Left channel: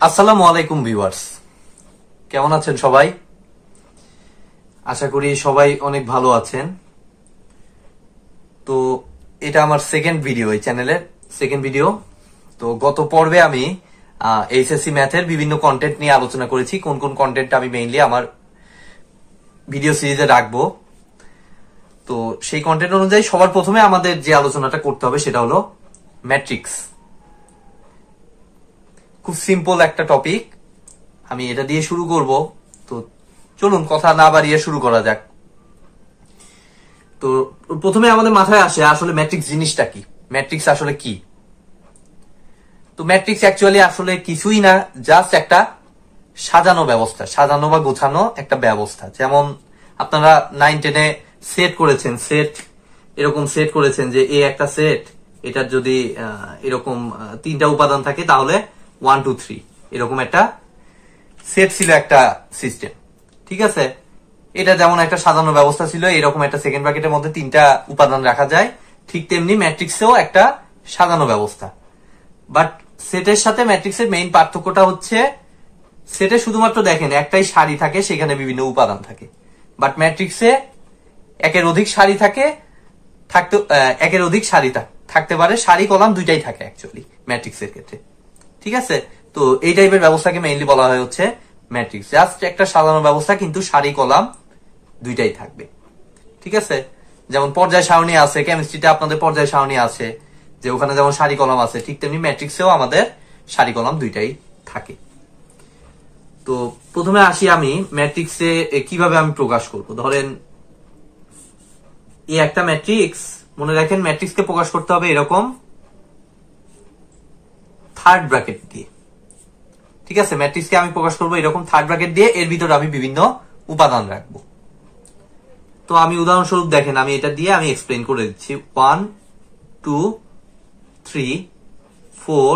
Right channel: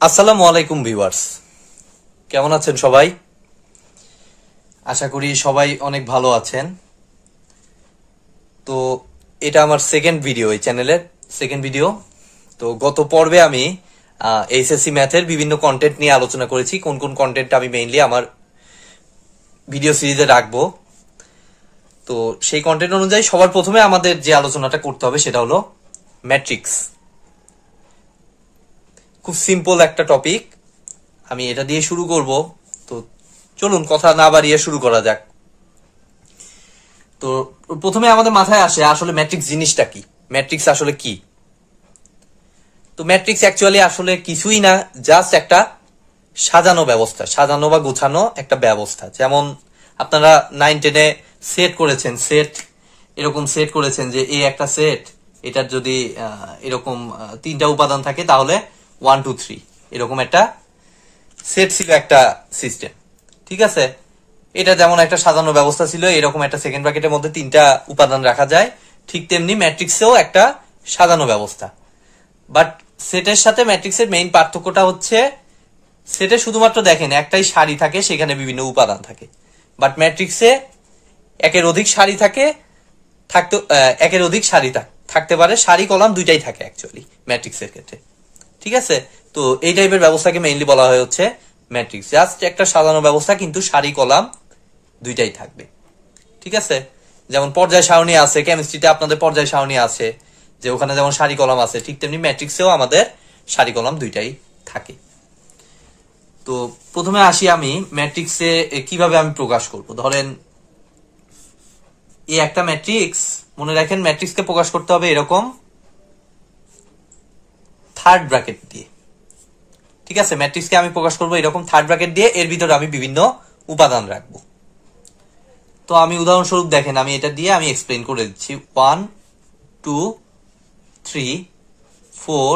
আসসালামু আলাইকুম ভিউয়ার্স, কেমন আছেন সবাই? আশা করি সবাই অনেক ভালো আছেন। তো এটা আমার সেকেন্ড ভিডিও, এই চ্যানেলের সেকেন্ড ভিডিও। তো গত পর্বে আমি এইচএসসি ম্যাথের বিভিন্ন কন্টেন্ট নিয়ে আলোচনা করেছি, কোন কোন কন্টেন্ট আমি মেইনলি আমার ভিডিও সিরিজে রাখবো। তো সেই কন্টেন্ট অনুযায়ী সবার প্রথমে আমাদের যে আলোচনাটা করতে হবে সেটা হলো ম্যাট্রিক্স। খুব সিম্পল একটা টপিক, আমি এটা দিয়ে শুরু করব। তো চলুন কথা না বাড়িয়ে শুরু করা যাক। তো প্রথমে আমাদের মাথায় আসে আসলে ম্যাট্রিক্স জিনিসটা কি, ম্যাট্রিক্স আসলে কি। তো ম্যাট্রিক্স অ্যাকচুয়ালি আসলে কিছুই না, জাস্ট একটা সাজানো ব্যবস্থা, সাজানো বা গোছানো একটা ব্যবস্থা। যেমন আপনারা 9-10-এ সেট করেছেন, এরকম সেট করেছেন যে এ একটা সেট, এটার যদি এরকম তিনটা উপাদান থাকে তাহলে 1 2 3 এরকম একটা সেট ছিল, একটা সিস্টেম। ঠিক আছে, এটা যেমন একটা সাজানো ব্যবস্থা ছিল, এরকম একটা সেকেন্ড ব্র্যাকেটের মধ্যে তিনটা উপাদান রাখা যায়, ঠিক তেমনি ম্যাট্রিক্সেও একটা সাজানো ব্যবস্থা। বাট সেটের সাথে ম্যাট্রিক্সের মেইন পার্থক্যটা হচ্ছে, সেটে শুধুমাত্র দেখেন একটাই সারি থাকে, সেখানে বিভিন্ন উপাদান থাকে। বাট ম্যাট্রিক্সে একের অধিক সারি থাকে, একের অধিক সারি থাকতে পারে, সারি কলাম দুইটাই থাকে অ্যাকচুয়ালি ম্যাট্রিক্সের ক্ষেত্রে। ঠিক আছে, তো এই টাইপের ব্যবস্থাকে মেইনলি বলা হয় হচ্ছে ম্যাট্রিক্স। জাস্ট একটা সাজানো ব্যবস্থা, কিন্তু সারি কলাম দুইটাই থাকবে। ঠিক আছে, যেমন পর্যায় সারণী আছে, কেমিস্ট্রিতে আপনাদের পর্যায় সারণী আছে, যে ওখানে যেমন সারি কলাম আছে, ঠিক তেমনি ম্যাট্রিক্সেও আমাদের সারি কলাম দুইটাই থাকে। তো প্রথমে আসি আমি ম্যাট্রিক্সে কিভাবে আমি প্রকাশ করব। ধরেন এই একটা ম্যাট্রিক্স, মনে রাখেন ম্যাট্রিক্সকে প্রকাশ করতে হবে এরকম থার্ড ব্র্যাকেট দিয়ে। ঠিক আছে, ম্যাট্রিক্সকে আমি প্রকাশ করবো এরকম থার্ড ব্র্যাকেট দিয়ে, এর ভিতরে আমি বিভিন্ন উপাদান রাখবো। তো আমি উদাহরণস্বরূপ দেখেন, আমি এটা দিয়ে আমি এক্সপ্লেন করে দিচ্ছি। 1 2 3 4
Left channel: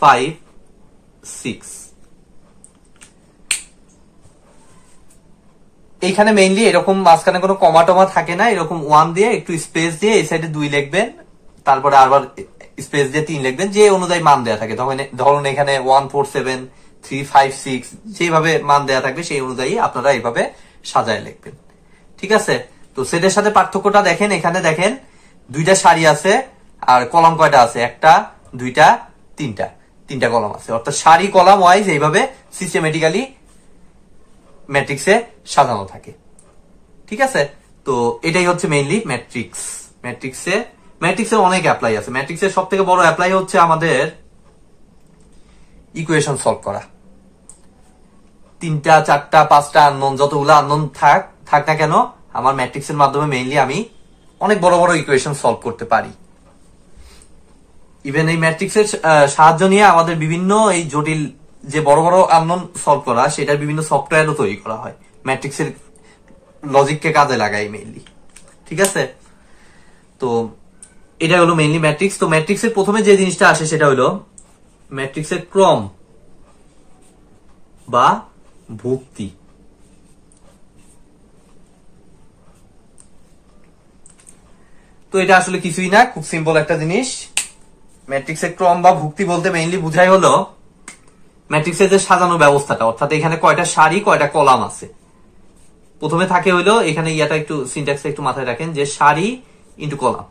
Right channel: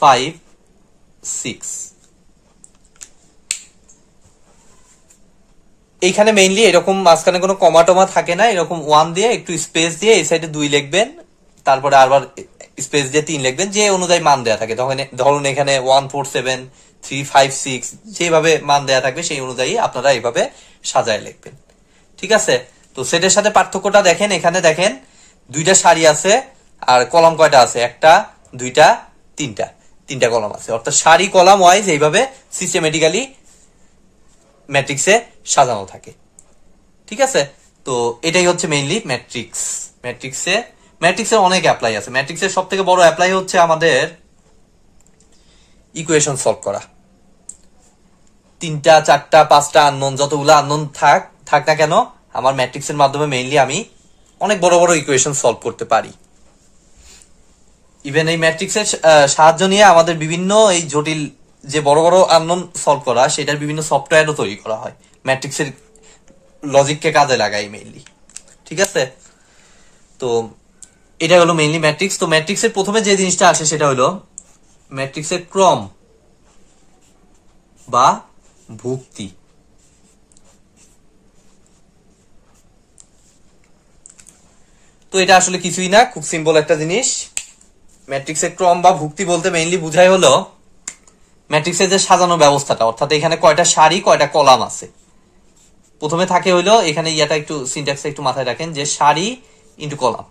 5 6। এইখানে মেইনলি এরকম মাঝখানে কোনো কমা টমা থাকে না, এরকম 1 দিয়ে একটু স্পেস দিয়ে এই সাইডে 2 লিখবেন, তারপরে আবার স্পেস দিয়ে 3 লিখবেন, যে অনুযায়ী মান দেয়া থাকে। তখন ধরুন এখানে 1 4 7 3 5 6 যেভাবে মান দেয়া থাকবে সেই অনুযায়ী আপনারা এইভাবে সাজায় লিখবেন। ঠিক আছে, তো সেটের সাথে পার্থক্যটা দেখেন, এখানে দেখেন দুইটা সারি আছে, আর কলাম কয়টা আছে, একটা দুইটা তিনটা কলাম আছে, অর্থাৎ সারি কলাম ওয়াইজ এইভাবে সিস্টেমেটিক্যালি ম্যাট্রিক্সে সাজানো থাকে। ঠিক আছে, তো এটাই হচ্ছে মেইনলি ম্যাট্রিক্স। ম্যাট্রিক্সের অনেক অ্যাপ্লাই আছে। ম্যাট্রিক্সের সব থেকে বড় অ্যাপ্লাই হচ্ছে আমাদের ইকুয়েশন সলভ করা। 3টা 4টা 5টা আননোন, যতগুলো আননোন থাক না কেন, আমার ম্যাট্রিক্সের মাধ্যমে মেইনলি আমি অনেক বড় বড় ইকুয়েশন সলভ করতে পারি। ইভেন এই ম্যাট্রিক্সের সাহায্য নিয়ে আমাদের বিভিন্ন এই জটিল যে বড় বড় আননোন সলভ করা, সেটার বিভিন্ন সফটওয়্যারও তৈরি করা হয় ম্যাট্রিক্সের লজিককে কাজে লাগাই মেইনলি। ঠিক আছে, তো এটা হলো মেইনলি ম্যাট্রিক্স। তো ম্যাট্রিক্সের প্রথমে যে জিনিসটা আসে সেটা হলো ম্যাট্রিক্সের ক্রম বা ভুক্তি। তো এটা আসলে কিছুই না, খুব সিম্পল একটা জিনিস। ম্যাট্রিক্সের ক্রম বা ভুক্তি বলতে মেইনলি বুঝাই হলো ম্যাট্রিক্সের যে সাজানো ব্যবস্থাটা, অর্থাৎ এখানে কয়টা সারি কয়টা কলাম আছে। প্রথমে থাকে হইলো এখানে ইয়াটা একটু সিনট্যাক্সটা একটু মাথায় রাখেন, যে সারি ইন্টু কলাম।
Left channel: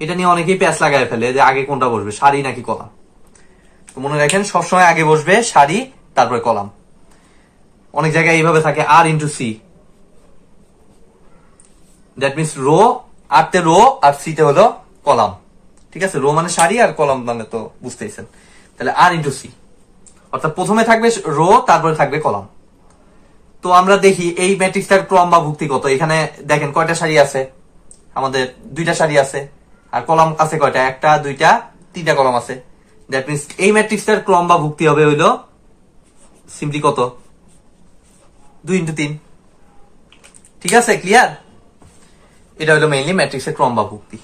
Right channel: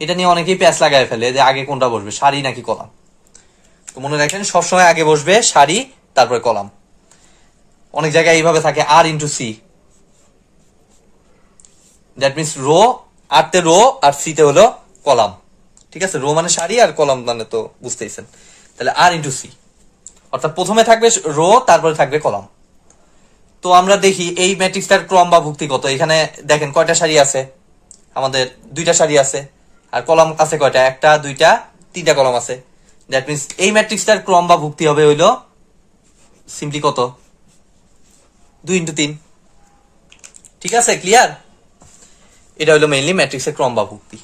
এটা নিয়ে অনেকেই প্যাচ লাগায় ফেলে যে আগে কোনটা বসবে, সারি নাকি কলাম। তো মনে রাখেন সবসময় আগে বসবে সারি, তারপরে কলাম। অনেক জায়গায় এইভাবে থাকে R into C, that means row, R তে রো আর সি তে হলো কলাম। ঠিক আছে, রো মানে সারি আর কলাম মানে তো বুঝতেইছেন। তাহলে আর ইন্টু সি, অর্থাৎ প্রথমে থাকবে রো, তারপরে থাকবে কলাম। তো আমরা দেখি এই ম্যাট্রিক্সটার ক্রম বা ভুক্তি কত। এখানে দেখেন কয়টা সারি আছে, আমাদের 2টা সারি আছে, আর কলাম আছে কয়টা, একটা দুইটা 3টা কলাম আছে। দ্যাট মিনস এই ম্যাট্রিক্সটার ক্রম বা ভুক্তি হবে হইলো সিম্পলি কত, 2 × 3। ঠিক আছে, ক্লিয়ার? এটা হলো মেইনলি ম্যাট্রিক্সের ক্রম বা ভুক্তি।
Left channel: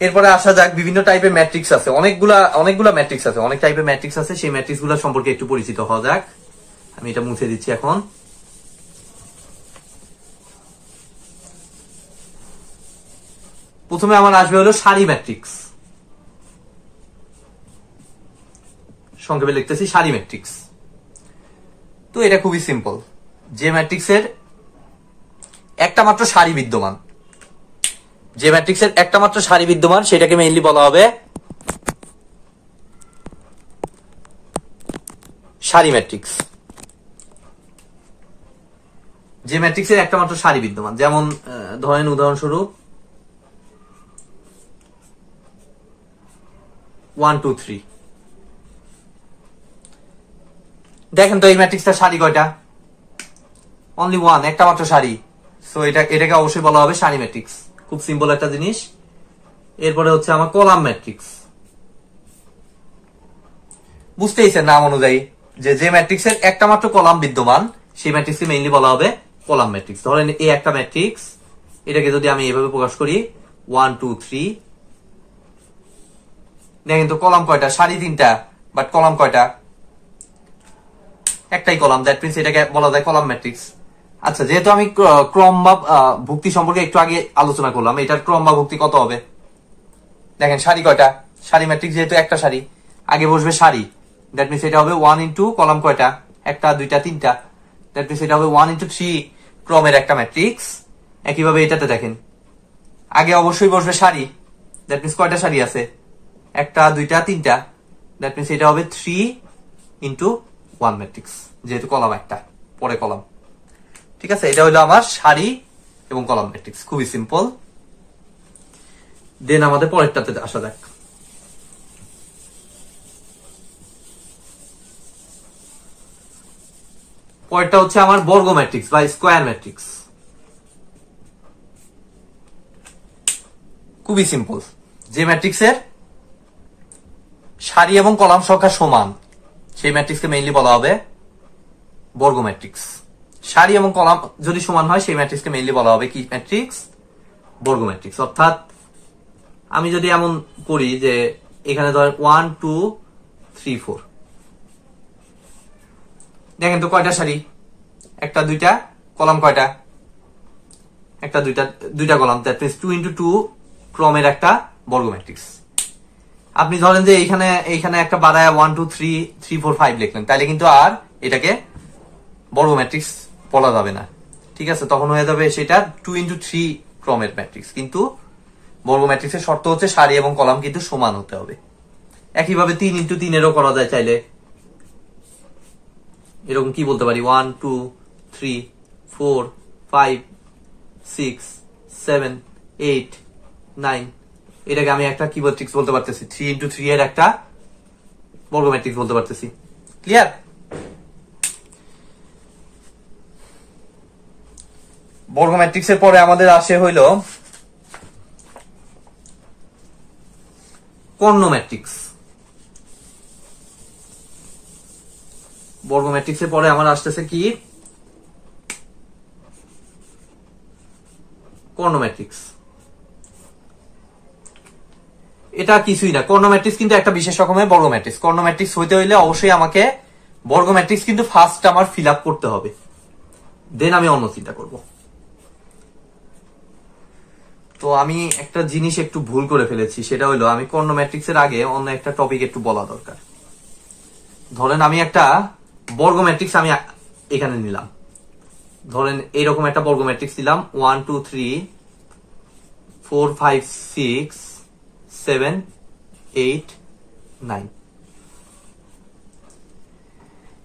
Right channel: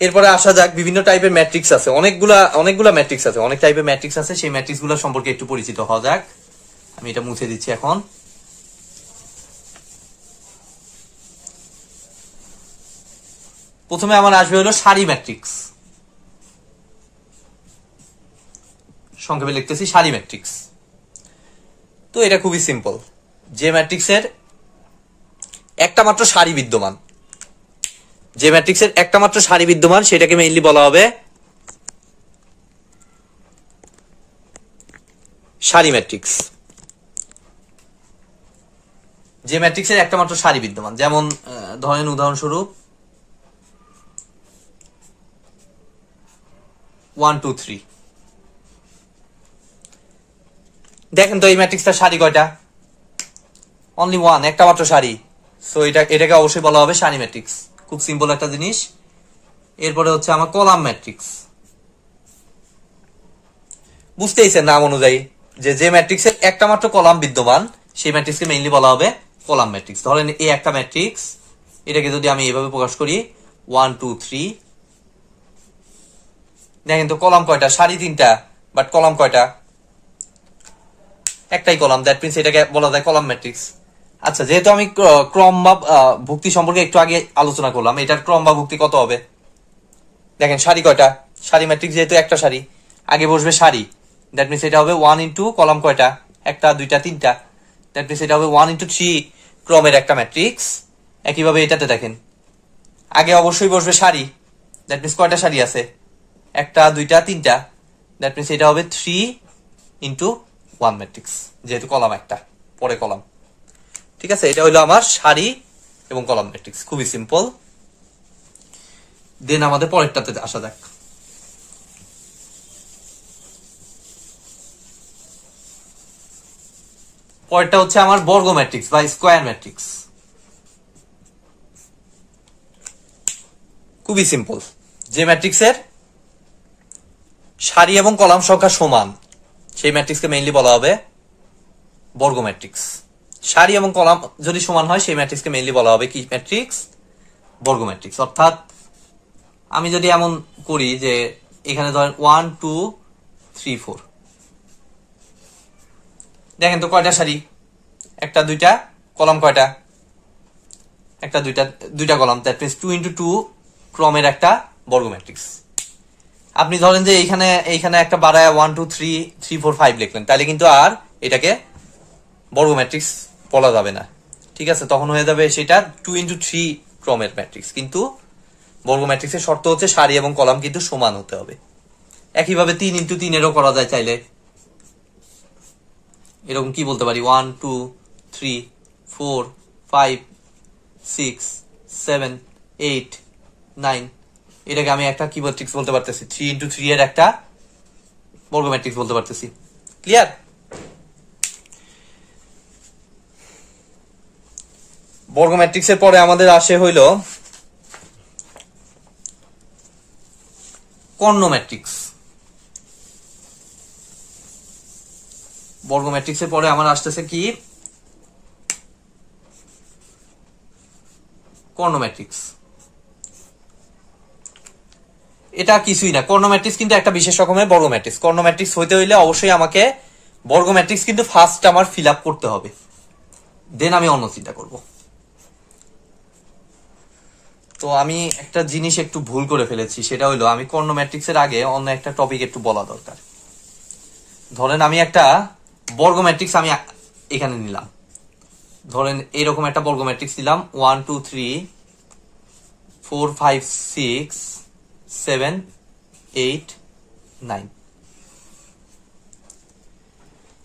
এরপরে আসা যাক, বিভিন্ন টাইপের ম্যাট্রিক্স আছে, অনেকগুলা ম্যাট্রিক্স আছে, অনেক টাইপের ম্যাট্রিক্স আছে। সেই ম্যাট্রিক্স গুলো সম্পর্কে একটু পরিচিত হওয়া যাক। আমি এটা মুছে দিচ্ছি এখন। প্রথমে আমার আসবে হলো সারি ম্যাট্রিক্স। সংক্ষেপে লিখতেছি সারি ম্যাট্রিক্স। তো এটা খুবই সিম্পল, যে ম্যাট্রিক্সের একটা মাত্র সারি বিদ্যমান, যে ম্যাট্রিক্সের একটা মাত্র সারি বিদ্যমান সেটাকে মেইনলি বলা হবে সারি ম্যাট্রিক্স। যে ম্যাট্রিক্সের একটা মাত্র সারি বিদ্যমান, যেমন ধরেন উদাহরণস্বরূপ 1 2 3। দেখেন তো এই ম্যাট্রিক্সটার সারি কয়টা? অনলি 1, একটা মাত্র সারি। সো এটাকে অবশ্যই বলা হবে সারি ম্যাট্রিক্স। খুব সিম্পল একটা জিনিস। এরপরে হচ্ছে আমার কলাম ম্যাট্রিক্স। বুঝতেইছেন নাম অনুযায়ী যে ম্যাট্রিক্সের একটা মাত্র কলাম বিদ্যমান সেই ম্যাট্রিক্সকে মেইনলি বলা হবে কলাম ম্যাট্রিক্স। ধরেন এই একটা ম্যাট্রিক্স, এটাকে যদি আমি এইভাবে প্রকাশ করি 1 2 3, দেখেন তো কলাম কয়টা? সারি 3টা, বাট কলাম কয়টা? একটাই কলাম। দ্যাট মিন্স এটাকে বলা যায় কলাম ম্যাট্রিক্স। আচ্ছা, যেহেতু আমি ক্রম বা ভুক্তি সম্পর্কে একটু আগে আলোচনা করলাম, এটার ক্রম বা ভুক্তি কত হবে? দেখেন সারি কয়টা? সারি ম্যাট্রিক্স যেহেতু একটা সারি, আগে বসবে সারি। দ্যাট মিন্স এটা হবে 1 ইন্টু কলাম কয়টা? একটা, দুইটা, তিনটা। দ্যাট মিন্স এটা হবে 1 ইন্টু 3 ক্রমের একটা ম্যাট্রিক্স। একইভাবে এটাতে দেখেন আগে অবশ্যই বসবে সারি। দ্যাট মিন্স কয়টা সারি আছে? একটা, দুইটা, তিনটা। দ্যাট মিন্স এটা হবে 3 ইন্টু 1 ম্যাট্রিক্স, যেহেতু কলাম একটা, পরে কলাম। ঠিক আছে, এটা হলো আমার সারি এবং কলাম ম্যাট্রিক্স। খুবই সিম্পল। দেন আমাদের পরেরটাতে আসা যাক। পরেরটা হচ্ছে আমার বর্গ ম্যাট্রিক্স বা স্কোয়ার ম্যাট্রিক্স। খুবই সিম্পল, যে ম্যাট্রিক্সের সারি এবং কলাম সংখ্যা সমান সেই ম্যাট্রিক্সকে মেইনলি বলা হবে বর্গ ম্যাট্রিক্স। সারি এবং কলাম যদি সমান হয় সেই ম্যাট্রিক্সকে মেইনলি বলা হবে কি ম্যাট্রিক্স? বর্গ ম্যাট্রিক্স। অর্থাৎ আমি যদি এমন করি যে এখানে ধরেন 1 2 3 4, দেখেন তো কয়টা সারি? একটা, দুইটা। কলাম কয়টা? একটা, দুইটা, দুইটা কলাম। দ্যাট মিন্স 2 ইন্টু 2 ক্রমের একটা বর্গ ম্যাট্রিক্স। আপনি ধরেন যে এইখানে একটা বাড়ায় 1 2 3 3 4 5 লিখলেন, তাহলে কিন্তু আর এটাকে বর্গ ম্যাট্রিক্স বলা যাবে না। ঠিক আছে, তখন হয়ে যাবে সেটা 2 ইন্টু 3 ক্রমের ম্যাট্রিক্স। কিন্তু বর্গ ম্যাট্রিক্সের শর্ত হচ্ছে সারি এবং কলাম কিন্তু সমান হতে হবে। একইভাবে 3 ইন্টু 3 এরও করা যায় চাইলে। এরকম কি বলতে পারি? 1 2 3 4 5 6 7 8 9। এটাকে আমি একটা কি ম্যাট্রিক্স বলতে পারতেছি? 3 ইন্টু 3 এর একটা বর্গ ম্যাট্রিক্স বলতে পারতেছি। ক্লিয়ার? বর্গ ম্যাট্রিক্সের পরে আমাদের আসে হইল কর্ণ ম্যাট্রিক্স। বর্গ ম্যাট্রিক্সের পরে আমার আসতেছে কি? কর্ণ ম্যাট্রিক্স। এটা কিছুই না, কর্ণ ম্যাট্রিক্স কিন্তু একটা বিশেষ রকমের বর্গ ম্যাট্রিক্স। কর্ণ ম্যাট্রিক্স হইতে হইলে অবশ্যই আমাকে বর্গ ম্যাট্রিক্স কিন্তু ফার্স্ট আমার ফিল আপ করতে হবে, দেন আমি অন্য চিন্তা করব। তো আমি একটা জিনিস একটু ভুল করে ফেলেছি, সেটা হইলো আমি কর্ণ ম্যাট্রিক্সের আগে অন্য একটা টপিক একটু বলা দরকার। ধরেন আমি একটা বর্গ ম্যাট্রিক্স আমি এখানে নিলাম। ধরেন এইরকম একটা বর্গ ম্যাট্রিক্স নিলাম 1 2 3 4 5 6 7 8 9।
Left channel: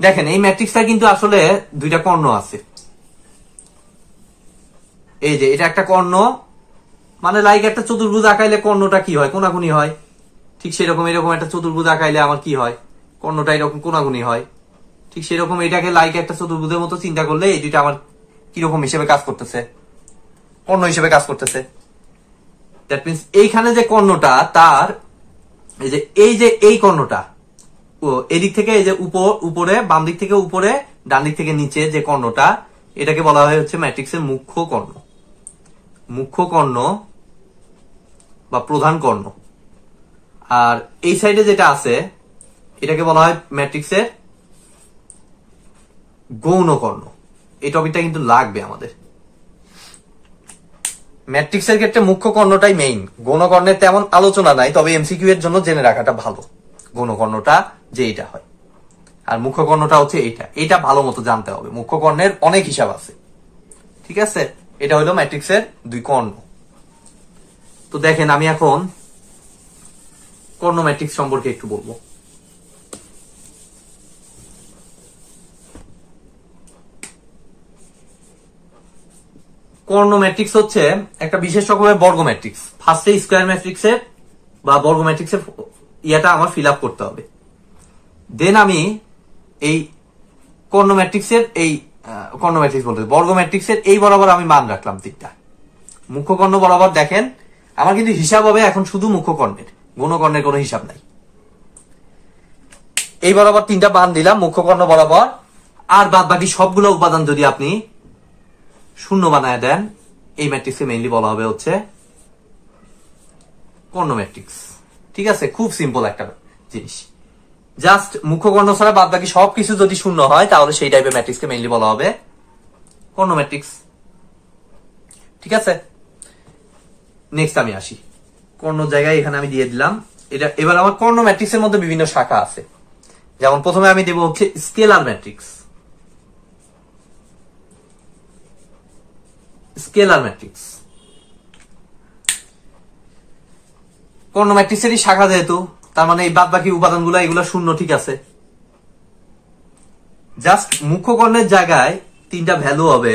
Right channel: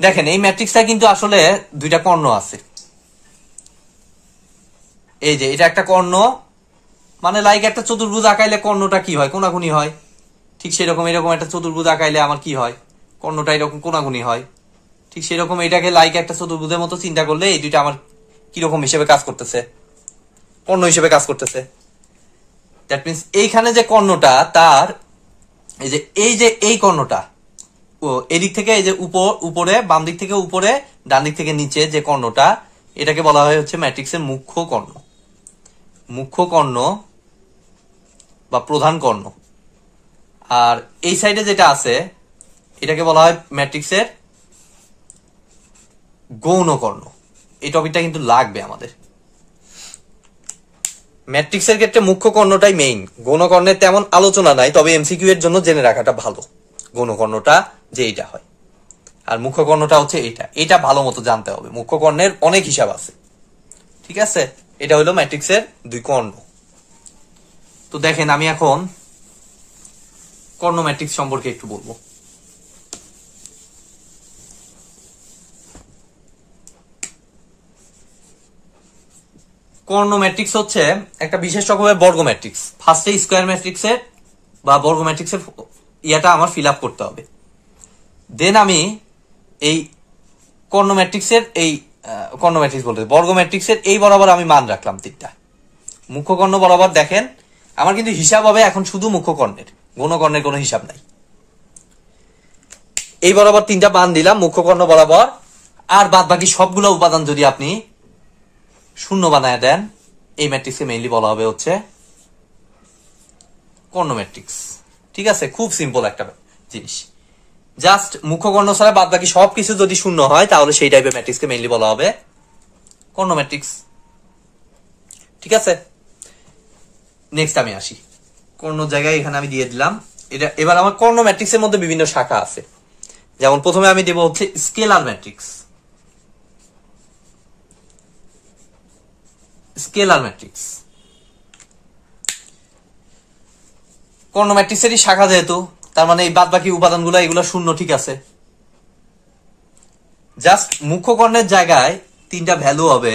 দেখেন এই ম্যাট্রিক্সটা কিন্তু আসলে দুইটা কর্ণ আছে। এই যে এটা একটা কর্ণ, মানে লাইক একটা চতুর্ভুজ আঁকাইলে কর্ণটা কি হয়? কোনাকুনি হয়। ঠিক সেরকম এরকম একটা চতুর্ভুজ আঁকাইলে আমার কি হয়? কর্ণটা এরকম কোনাকুনি হয়। ঠিক সেরকম এটাকে লাইক একটা চতুর্ভুজের মতো চিন্তা করলে এই দুইটা আমার কিরকম হিসেবে কাজ করতেছে? কর্ণ হিসেবে কাজ করতেছে। দ্যাট মিন্স এইখানে যে কর্ণটা, তার এই যে এই কর্ণটা এদিক থেকে এই যে উপরে, বাম দিক থেকে উপরে, ডান দিক থেকে নিচে যে কর্ণটা, এটাকে বলা হয় হচ্ছে ম্যাট্রিক্সের মুখ্য কর্ণ। মুখ্য কর্ণ বা প্রধান কর্ণ। আর এই সাইডে যেটা আছে এটাকে বলা হয় ম্যাট্রিক্সের গৌণ কর্ণ। এই টপিকটা কিন্তু লাগবে আমাদের। ম্যাট্রিক্সের ক্ষেত্রে মুখ্য কর্ণটাই মেইন, গৌণ কর্ণের তেমন আলোচনা নাই, তবে এমসিকিউ এর জন্য জেনে রাখাটা ভালো। গৌণকর্ণটা যে এটা হয়, আর মুখ্যকর্ণটা হচ্ছে এটা ভালো মতো জানতে হবে। মুখ্যকর্ণের অনেক হিসাব আছে, ঠিক আছে। এটা হলো ম্যাট্রিক্সের দুই কর্ণ। তো দেখেন আমি এখন কর্ণ ম্যাট্রিক্স সম্পর্কে একটু বলবো। কর্ণ ম্যাট্রিক্স হচ্ছে একটা বিশেষ রকমের বর্গ ম্যাট্রিক্স। ফার্স্টে স্কয়ার ম্যাট্রিক্সের বা বর্গ ম্যাট্রিক্সের ইয়েটা আমার ফিল আপ করতে হবে। দেন আমি এই কর্ণ ম্যাট্রিক্সের বলতে বর্গ ম্যাট্রিক্সের এই বরাবর আমি মান রাখলাম 3টা। মুখ্যকর্ণ বরাবর দেখেন আমার কিন্তু হিসাব হবে এখন শুধু মুখ্যকর্ণের, গৌণকর্ণের কোনো হিসাব নাই। এই বরাবর 3টা মান দিলাম মুখ্যকর্ণ বরাবর, আর বাদ বাকি সবগুলো উপাদান যদি আপনি শূন্য বানায় দেন, এই ম্যাট্রিক্সকে মেইনলি বলা হবে হচ্ছে কর্ণ ম্যাট্রিক্স। ঠিক আছে, খুব সিম্পল একটা জিনিস। জাস্ট মুখ্যকর্ণ ছাড়া বাদ বাকি সবকিছু যদি শূন্য হয় তাহলে সেই টাইপের ম্যাট্রিক্সকে মেইনলি বলা হবে কর্ণ ম্যাট্রিক্স। ঠিক আছে, নেক্সট আমি আসি। কর্ণ জায়গায় এখানে আমি দিয়ে দিলাম এটা। এবার আমার কর্ণ ম্যাট্রিক্সের মধ্যে বিভিন্ন শাখা আছে। যেমন প্রথমে আমি দেব হচ্ছে স্কেলার ম্যাট্রিক্স। স্কেলার ম্যাট্রিক্স কর্ণ ম্যাট্রিক্সেরই শাখা, যেহেতু তার মানে এই বাদ বাকি উপাদানগুলো এগুলো শূন্য। ঠিক আছে, জাস্ট মুখ্যকর্ণের জায়গায় 3টা ভ্যালু হবে,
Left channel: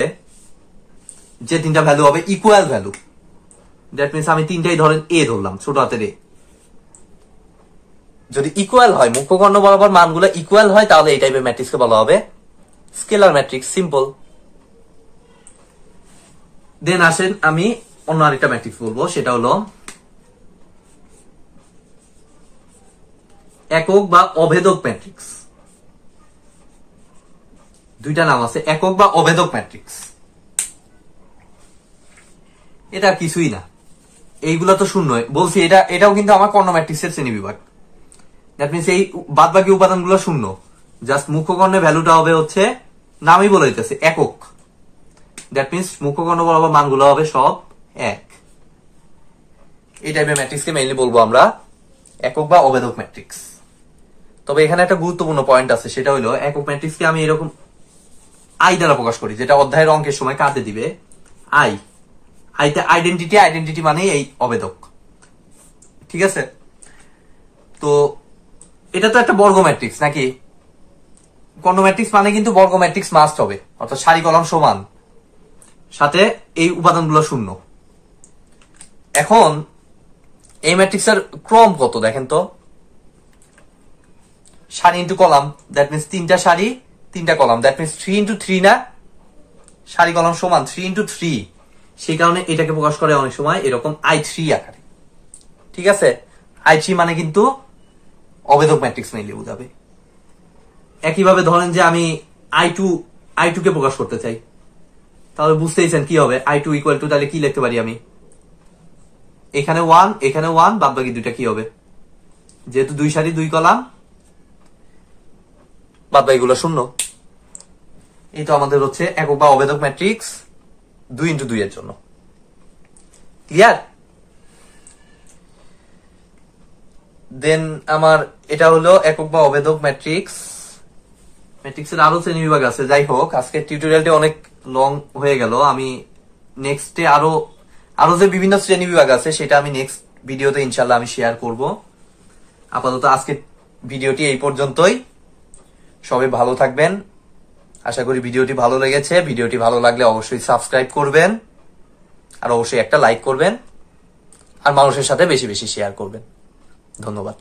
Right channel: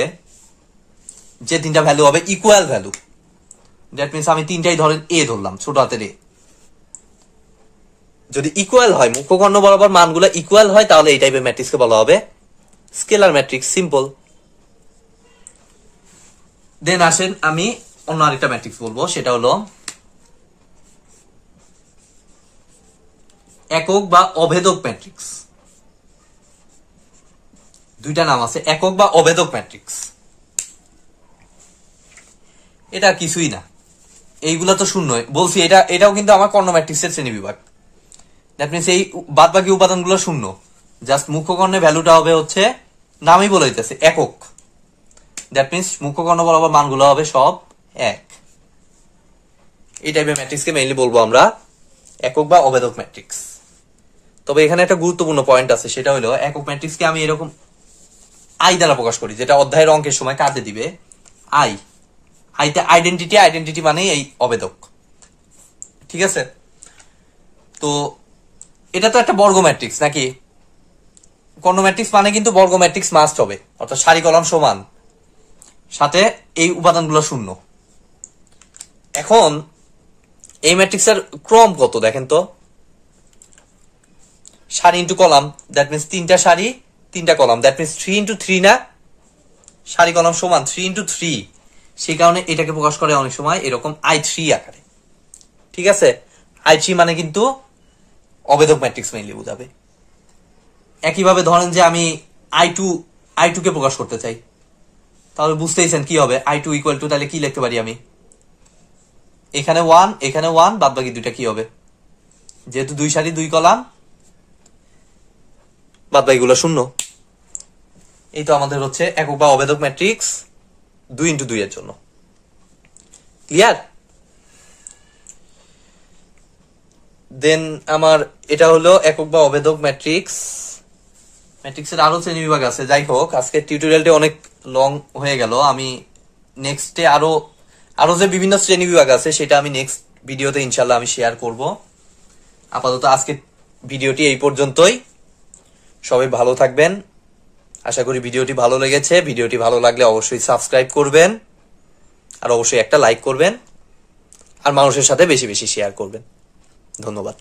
যে 3টা ভ্যালু হবে ইকুয়াল ভ্যালু। দ্যাট মিনস আমি 3টাই ধরেন এ ধরলাম, ছোট হাতের এ। যদি ইকুয়াল হয়, মুখ্যকর্ণ বরাবর মানগুলো ইকুয়াল হয়, তাহলে এই টাইপের ম্যাট্রিক্সকে বলা হবে স্কেলার ম্যাট্রিক্স। সিম্পল। দেন আসেন আমি অন্য আরেকটা ম্যাট্রিক্স বলবো, সেটা হলো একক বা অভেদক ম্যাট্রিক্স। 2টা নাম আছে, একক বা অভেদক ম্যাট্রিক্স। এটা কিছুই না, এইগুলা তো শূন্য বলছি। এটাও কিন্তু আমার কর্ণ ম্যাট্রিক্সের শ্রেণী বিভাগ। দ্যাট মিনস এই বাদ বাকি উপাদানগুলো শূন্য, জাস্ট মুখ্যকর্ণের ভ্যালুটা হবে হচ্ছে, নামই বলে দিতেছে একক। দ্যাট মিনস মুখ্যকর্ণ বরাবর মানগুলো হবে সব 1। এই টাইপের ম্যাট্রিক্সকে মেইনলি বলবো আমরা একক বা অভেদক ম্যাট্রিক্স। তবে এখানে একটা গুরুত্বপূর্ণ পয়েন্ট আছে, সেটা হলো একক ম্যাট্রিক্সকে আমি এরকম আই দ্বারা প্রকাশ করি, যেটা অধ্যায়ের অঙ্কের সময় কাজে দিবে। আইতে আইডেন্টিটি মানে এই অভেদক। ঠিক আছে, তো এটা তো একটা বর্গ ম্যাট্রিক্স নাকি? কর্ণ ম্যাট্রিক্স মানে কিন্তু বর্গ ম্যাট্রিক্স মাস্ট হবে, অর্থাৎ সারি কলাম সমান, সাথে এই উপাদানগুলো শূন্য। এখন এই ম্যাট্রিক্সের ক্রম কত দেখেন তো? সারি ইন্টু কলাম, দ্যাট মিনস 3টা সারি 3টা কলাম, দ্যাট মিনস 3 ইন্টু 3 না? সারি কলাম সমান 3 ইন্টু 3। সেই কারণে এটাকে প্রকাশ করে অনেক সময় এরকম I3 আকারে। ঠিক আছে, I3 মানে কিন্তু অভেদক ম্যাট্রিক্স মেইনলি বোঝাবে। একইভাবে ধরেন যে আমি I2 কে প্রকাশ করতে চাই, তাহলে বুঝতেইছেন কি হবে। I2 ইকুয়াল টু, তাহলে কি লিখতে পারি আমি? এখানে 1 এখানে 1, বাদ বাকি 2টা কি হবে? যেহেতু 2 সারি 2 কলাম, বাদ বাকিগুলো শূন্য। এই তো আমাদের হচ্ছে একক বা অভেদক ম্যাট্রিক্স 2 ইন্টু 2 এর জন্য। ক্লিয়ার? দেন আমার এটা হলো একক বা অভেদক ম্যাট্রিক্স। ম্যাট্রিক্সের আরো শ্রেণী বিভাগ আছে। যাই হোক, আজকের টিউটোরিয়ালটা অনেক লং হয়ে গেল। আমি নেক্সটে আরো যে বিভিন্ন শ্রেণী বিভাগ আছে সেটা আমি নেক্সট ভিডিওতে ইনশাল্লাহ আমি শেয়ার করব। আপাতত আজকে ভিডিওটি এই পর্যন্তই। সবাই ভালো থাকবেন। আশা করি ভিডিওটি ভালো লেগেছে। ভিডিওটি ভালো লাগলে অবশ্যই সাবস্ক্রাইব করবেন, আর অবশ্যই একটা লাইক করবেন, আর মানুষের সাথে বেশি বেশি শেয়ার করবেন। ধন্যবাদ।